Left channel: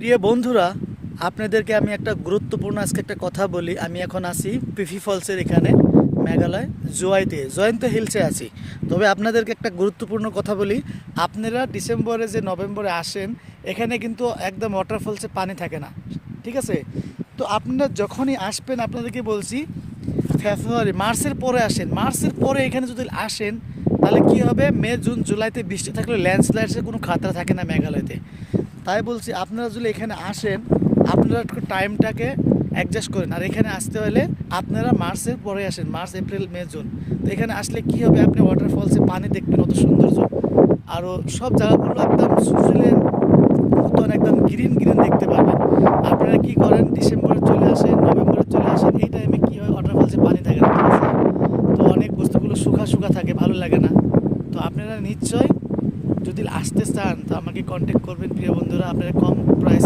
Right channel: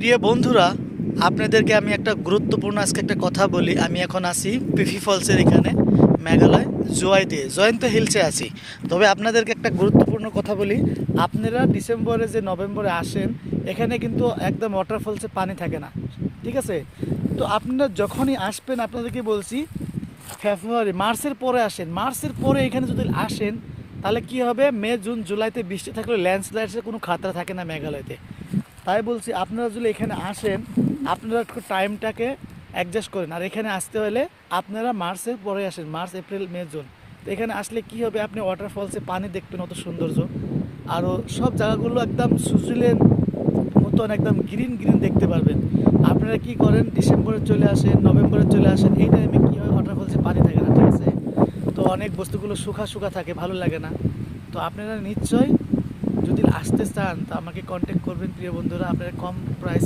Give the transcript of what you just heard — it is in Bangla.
প্রিয় বন্ধুরা, আপনাদেরকে আমি একটা গুরুত্বপূর্ণ আজকে একটা কথা বলি। আমি এখন আছি পিফি ফলসের এখানে, মেঘালয় জয়ন্ত হিলসে আছি। তবে আপনাদেরকে একটা গুরুত্বপূর্ণ কথা বলি, আপনারা ডিসেম্বরে যে নভেম্বরে আসেন, এখানে কিন্তু একদম ওয়াটারফলসে পানি থাকে না, ঠিক আছে? তো আপনারা যখনই আসবেন আপনাদেরকে বলছি মার্চের পরে আসেন। মার্চের পরে এখানে যদি আসেন তাহলে কি হবে, মে জুন জুলাইতে বৃষ্টি থাকলে ল্যান্ডস্লাইডসের কোনো খাতরা থাকে না মেঘালয়তে। তাই বলছি আপনারা যদি এখানে আসেন, আপনারা একটু টাইমটাকে অ্যাডজাস্ট করেন। আর এখানে আসতে হলে আপনারা মার্চের পরে আসেন, মার্চ এপ্রিল মে জুন। তো এখানে আসলে কি হবে, আপনি ওয়াটারফলসে পানি দেখবেন, অত সৌন্দর্য। আরও সব জায়গাগুলো একদম সুশীলের মতন একদম গ্রিন গ্রিন দেখতে পারবেন। আপনারা কি করেন, ডিসেম্বরে চলে আসেন, নভেম্বরে চলে আসেন, এই টাইমে কী হয়, ওয়াটারফলসে পানি থাকে না, ঠিক আছে? তো অনেক বস্তুগুলো শুকা শুকা থাকে, ভালো লাগে না। তো আপনারা নিশ্চয়ই যদি আসতে চান তো আমাকে কন্ট্যাক্ট করবেন প্রিয় বন্ধুরা। আপনারা কম প্রাইস